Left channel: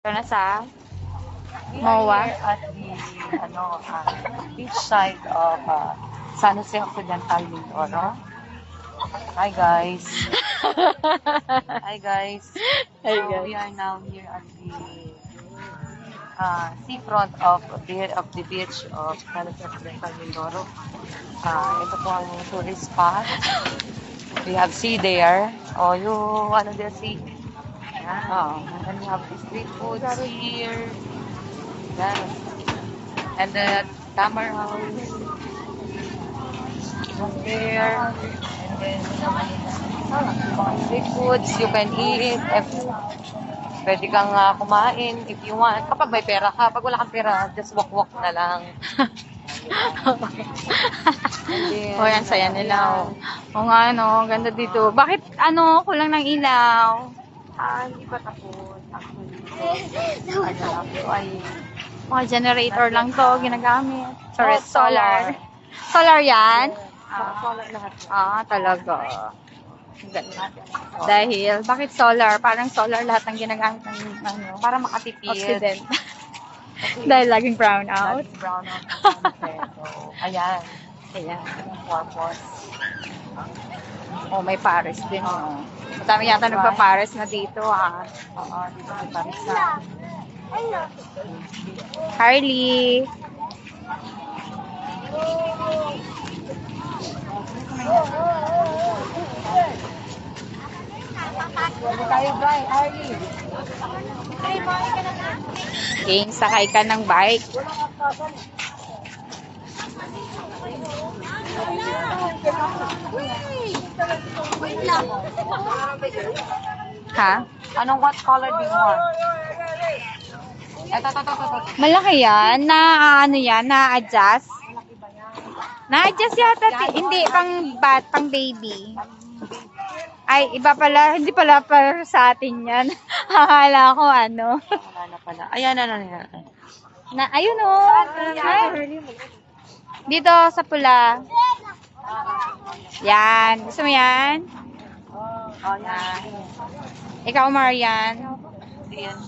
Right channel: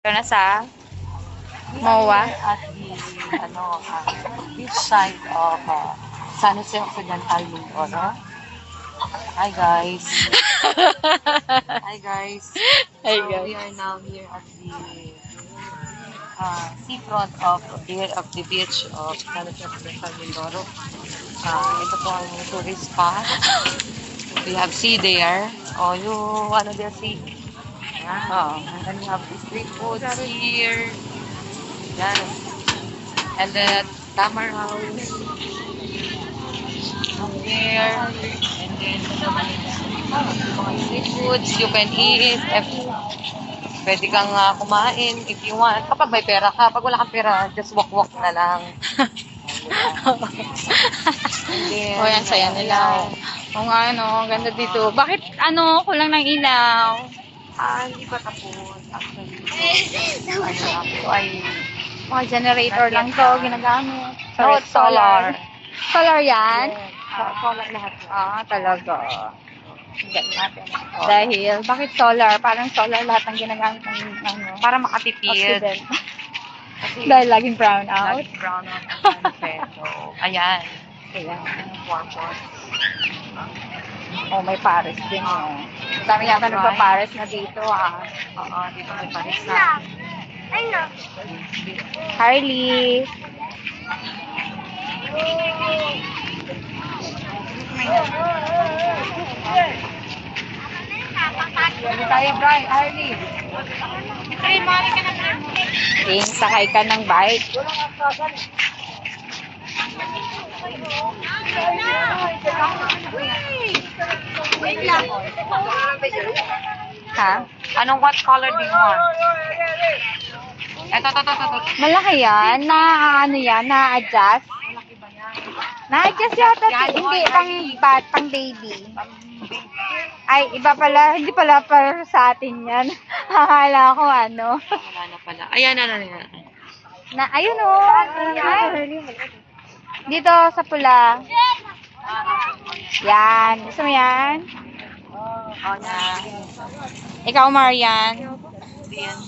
Ito na sa MOA. at the beach side of San Jose Occidental, Mindoro. Hi guys. Hi guys. Hi So guys. we are now here at the seafront of the beach of San Jose Occidental, Mindoro. Ito po ang tourist spot. We have sea there. Oh, you ano there sea? Oo. And we have the street foods here. Yan. And then Tamar House. Here. And then street foods you can eat. Pwede kang kumain if you want. Kapag may pera ka. Pag wala kang pera, just walk-walk na lang. O yan, saya nila. O nga, ano, ganda dito. Bakit, ano, kulang ng ilaw? Hindi pa tapos. Actually, ay Mga generator lang to, ginagamit. Oh, Sorry, solar. Solar yan? solar lahat. Talaga. Ganda. Dahil, bakit solar? Parang solar lahat ang ginagamit ng ano, Para makatipid. Occident. Kasi Dahil laging brown out. lagi brown out ang sunset. So, ayan. Ayan. Purpose. Oh, may Paris din oh. Madami yata nagpa-Paris na dito Oo, dito may Paris na. Harley. Pwede tayo, Bri. Harley. King, sakay ka ng bike. Ha? What color do you want? Ito. Malaki yan? Ano yan? Na-adjust? Na-adjust yata. Hindi, pang baby. Ay, iba pala. Hindi pala para sa atin yan. Akala ko ano. Wala na pala. Ayan. Ayun o. Dito sa pula. Yan. Gusto mo yan? Oh, yan. Ikaw, Marian. Yan.